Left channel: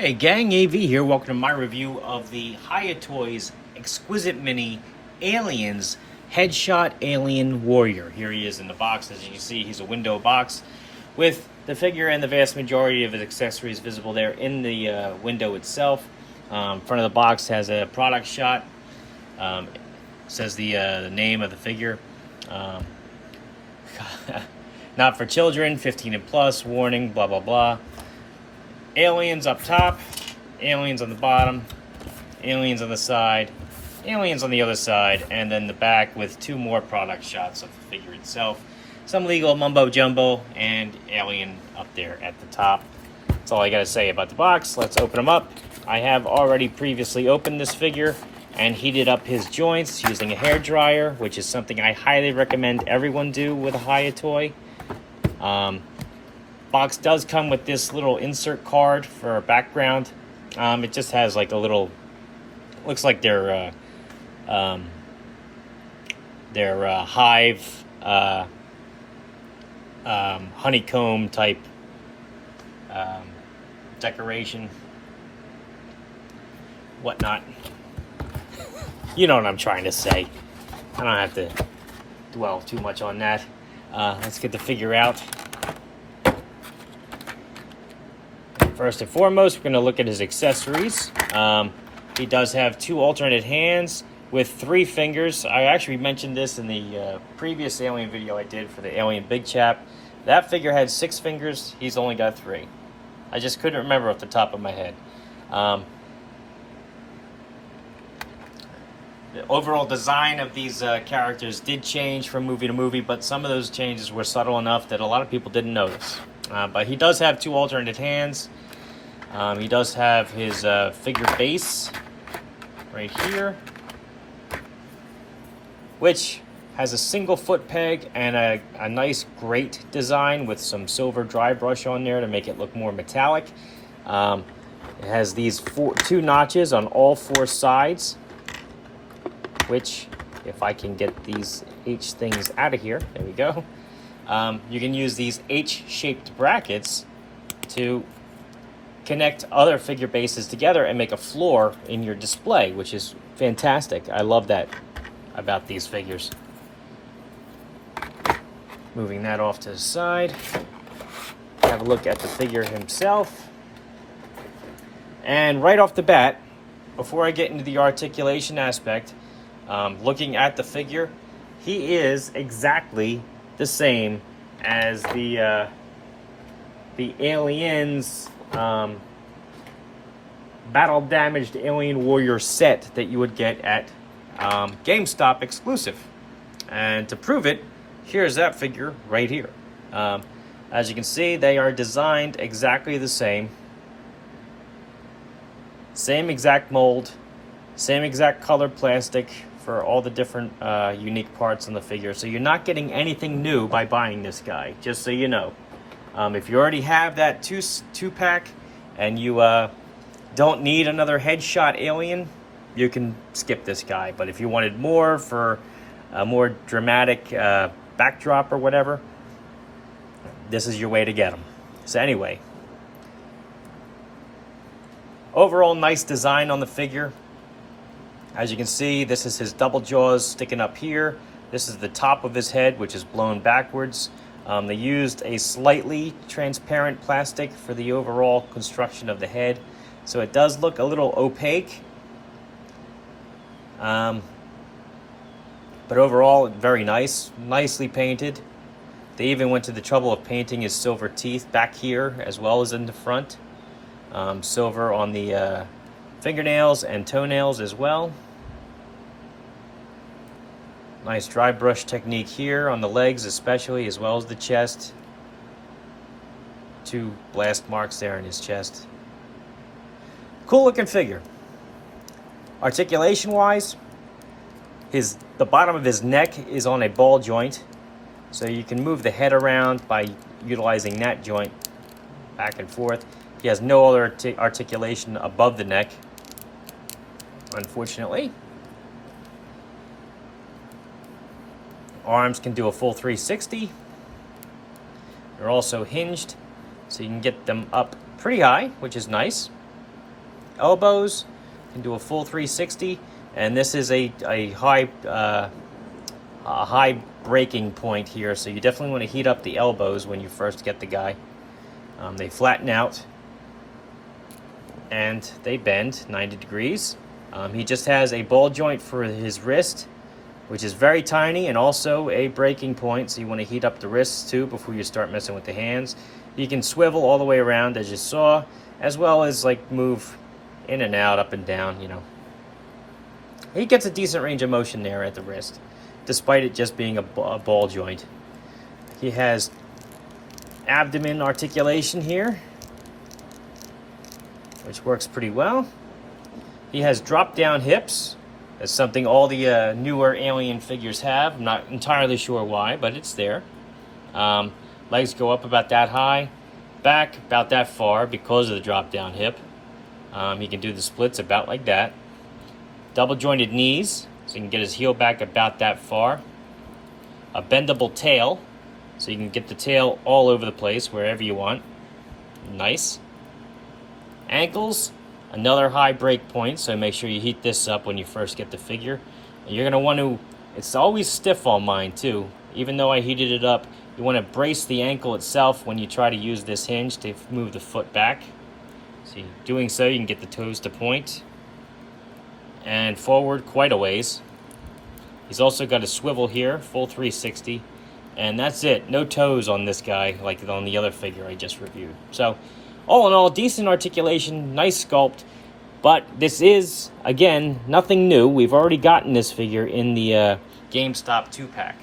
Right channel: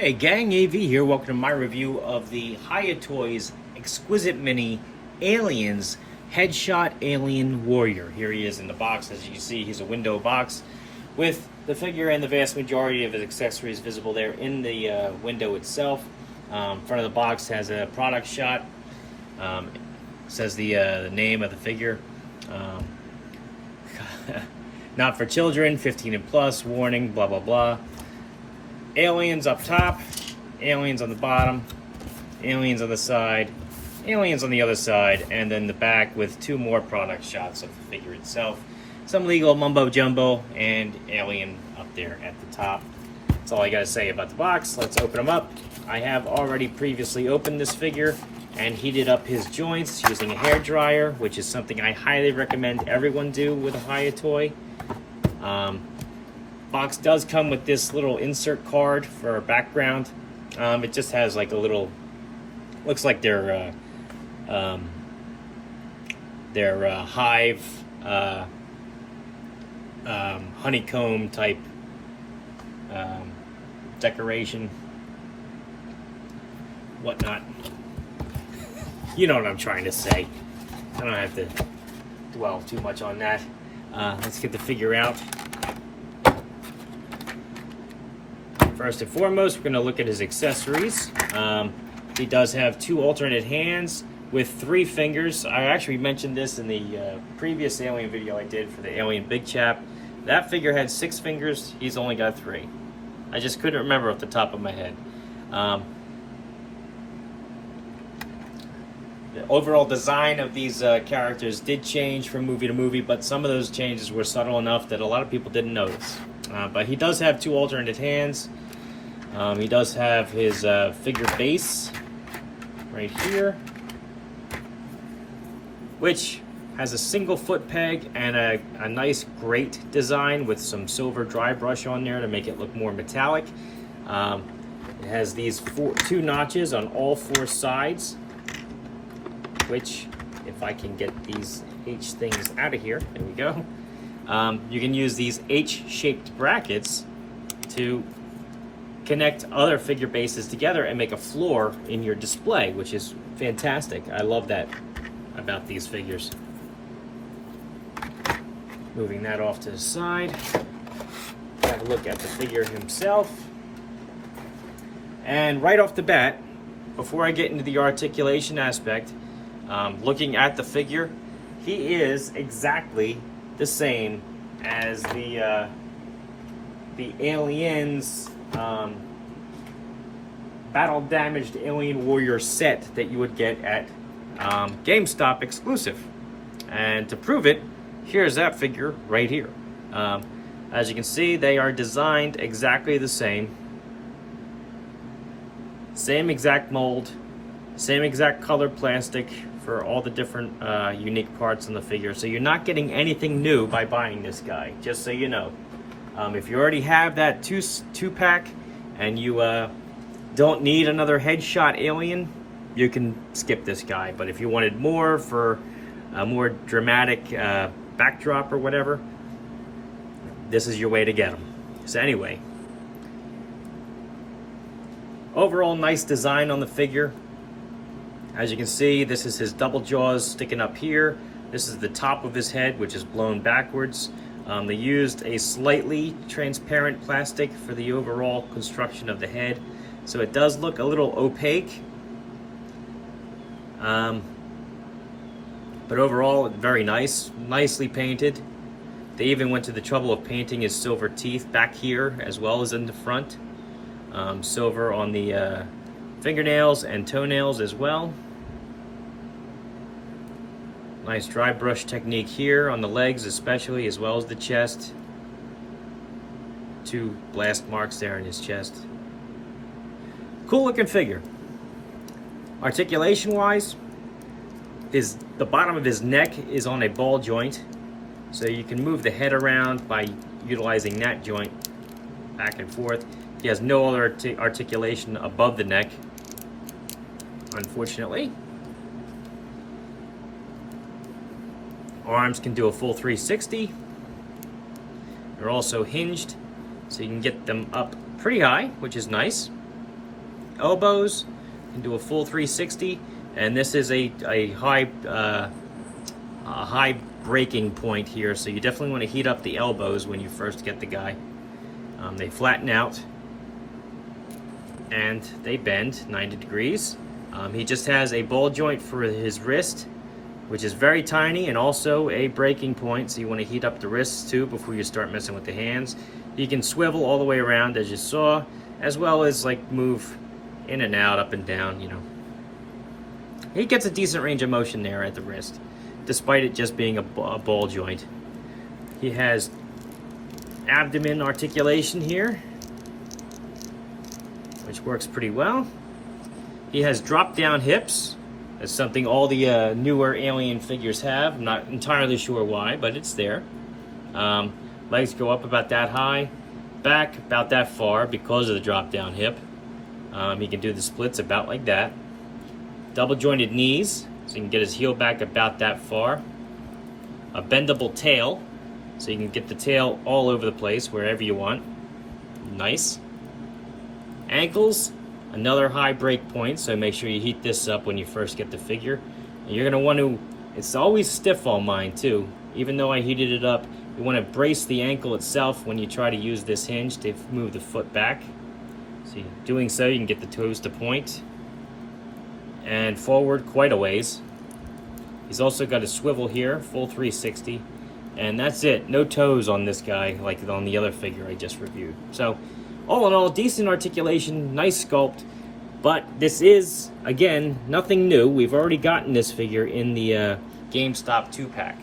Hey gang, AV here. Welcome to my review of the Hiya Toys Exquisite Mini Aliens Headshot Alien Warrior. Here he is in the box. As you can see, he's a window box with the figure and the vast majority of his accessories visible there in the window itself. Front of the box has a product shot. Says the name of the figure. Not for children, 15 and plus, warning, blah, blah, blah. Aliens up top, aliens on the bottom, aliens on the side, aliens on the other side, and then the back with two more product shots of the figure itself. Some legal mumbo jumbo and alien up there at the top. That's all I gotta say about the box. Let's open them up. I have already previously opened this figure and heated up his joints using a hair dryer, which is something I highly recommend everyone do with a Hiya toy. Box does come with this little insert card for a background. It just has like a little, looks like their hive honeycomb type decoration, whatnot. You know what I'm trying to say. I don't have to dwell too much on that. Let's get the figure out. First and foremost, we're going to look at his accessories. He does have two alternate hands with 3 fingers. I actually mentioned this in the previous alien video I did for the alien big chap. That figure had 6 fingers. He's only got 3. I just couldn't remember off the top of my head. The overall design of these characters did change from movie to movie, but some of those changes were subtle enough that a lot of people didn't notice. But he does have 2 alternate hands. He does have his figure base right here, which has a single foot peg and a nice grate design with some silver dry brush on there to make it look more metallic. It has these 2 notches on all 4 sides, which, if I can get these H things out of here, there we go. You can use these H-shaped brackets to connect other figure bases together and make a floor in your display, which is fantastic. I love that about these figures. Moving that off to the side, have a look at the figure himself. And right off the bat, before I get into the articulation aspect, looking at the figure, he is exactly the same as the Aliens battle damaged alien warrior set that you would get at GameStop exclusive. And to prove it, here's that figure right here. As you can see, they are designed exactly the same. Same exact mold, same exact color plastic for all the different unique parts on the figure. So you're not getting anything new by buying this guy, just so you know. If you already have that two-pack and you don't need another headshot alien, you can skip this guy. But if you wanted more for a more dramatic backdrop or whatever, this is your way to get them. So anyway, overall nice design on the figure. As you can see, this is his double jaws sticking up here. This is the top of his head, which is blown backwards. They used a slightly transparent plastic for the overall construction of the head, so it does look a little opaque. But overall, very nice, nicely painted. They even went to the trouble of painting his silver teeth back here as well as in the front. Silver on the fingernails and toenails as well. Nice dry brush technique here on the legs especially, as well as the chest. 2 blast marks there in his chest. Cool looking figure. Articulation wise, the bottom of his neck is on a ball joint, so you can move the head around by utilizing that joint back and forth. He has no other articulation above the neck, unfortunately. Arms can do a full 360. They're also hinged, so you can get them up pretty high, which is nice. elbows, can do a full 360, and this is a high breaking point here, so you definitely want to heat up the elbows when you first get the guy. They flatten out and they bend 90 degrees. He just has a ball joint for his wrist, which is very tiny, and also a breaking point, so you want to heat up the wrists too before you start messing with the hands. You can swivel all the way around as you saw, as well as like move in and out, up and down, you know. He gets a decent range of motion there at the wrist, despite it just being a ball joint. He has abdomen articulation here, which works pretty well. He has drop-down hips. That's something all the newer Alien figures have. I'm not entirely sure why, but it's there. Legs go up about that high, back about that far because of the drop-down hip. He can do the splits about like that. Double-jointed knees, so you can get his heel back about that far. A bendable tail, so you can get the tail all over the place, wherever you want. Nice. Ankles, another high break point, so make sure you heat this up when you first get the figure. And you're going to want to, it's always stiff on mine too. Even though I heated it up, you want to brace the ankle itself when you try to use this hinge to move the foot back. So doing so, you can get the toes to point and forward quite a ways. He's also got a swivel here, full 360, and that's it. No toes on this guy like on the other figure I just reviewed. So all in all, decent articulation, nice sculpt, but this is, again, nothing new. We've already gotten this figure in the GameStop 2-pack.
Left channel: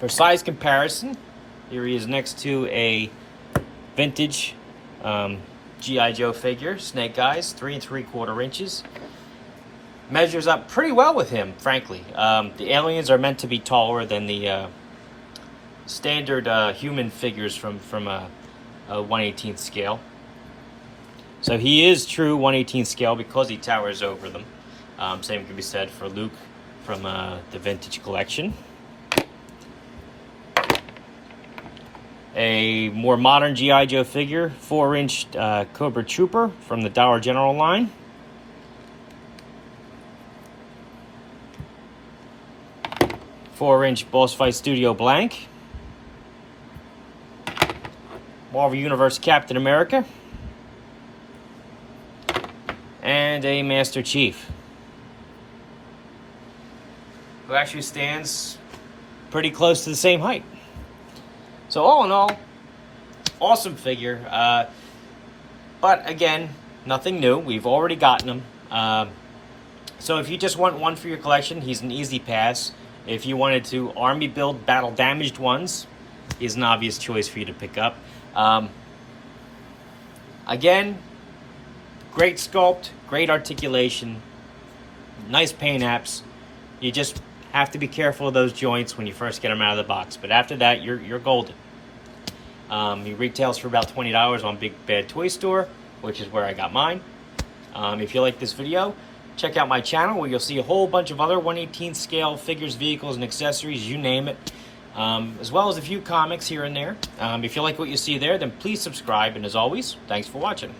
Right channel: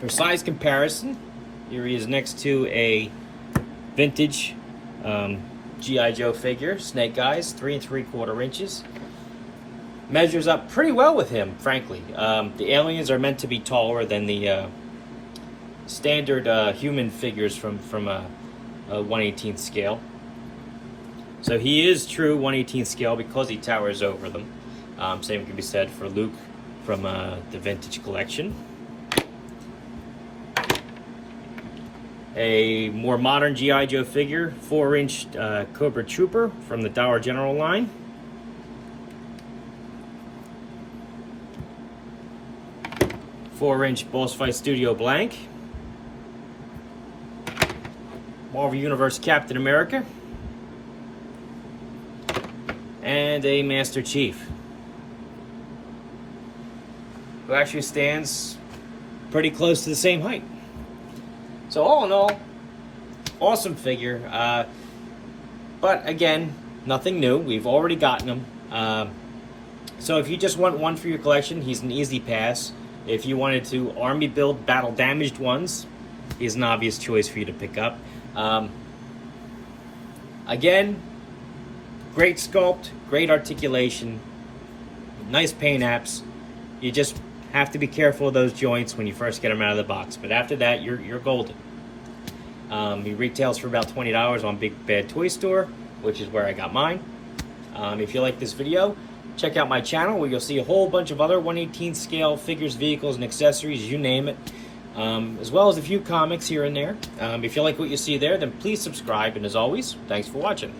For size comparison, here he is next to a vintage G.I. Joe figure, Snake Eyes, 3 3/4 inches. Measures up pretty well with him, frankly. The aliens are meant to be taller than the standard human figures from a 1/18 scale. So he is true 1/18 scale because he towers over them. Same can be said for Luke from the vintage collection. A more modern G.I. Joe figure, 4-inch Cobra Trooper from the Dollar General line. Four-inch Boss Fight Studio Blank. Marvel Universe Captain America. And a Master Chief, who actually stands pretty close to the same height. So all in all, awesome figure. But again, nothing new. We've already gotten them. So if you just want one for your collection, he's an easy pass. If you wanted to army build battle damaged ones, he's an obvious choice for you to pick up. Again, great sculpt, great articulation, nice paint apps. You just have to be careful of those joints when you first get them out of the box. But after that, you're golden. He retails for about $20 on Big Bad Toy Store, which is where I got mine. If you like this video, check out my channel where you'll see a whole bunch of other 1/18 scale figures, vehicles, and accessories, you name it. As well as a few comics here and there. If you like what you see there, then please subscribe. And as always, thanks for watching.